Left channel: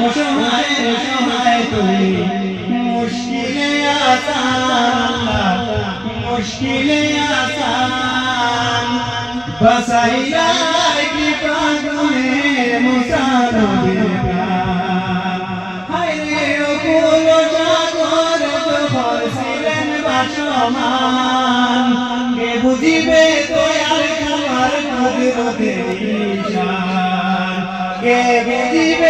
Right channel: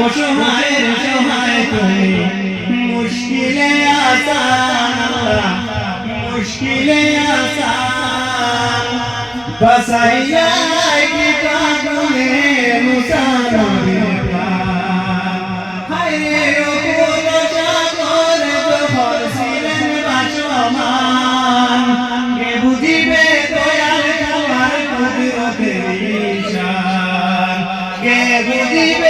অসহায়ের সহায় তুমি মুশকিলে আসান মুশকিলে আসান বাসাইয়া কি প্রাণে। মুসানবে বুঝিবে দয়াল তোমার ঈশান। কে বুঝিবে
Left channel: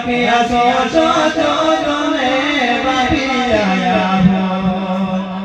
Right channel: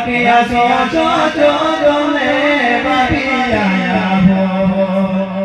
রাখিয়া সরস চলে ভাবিয়া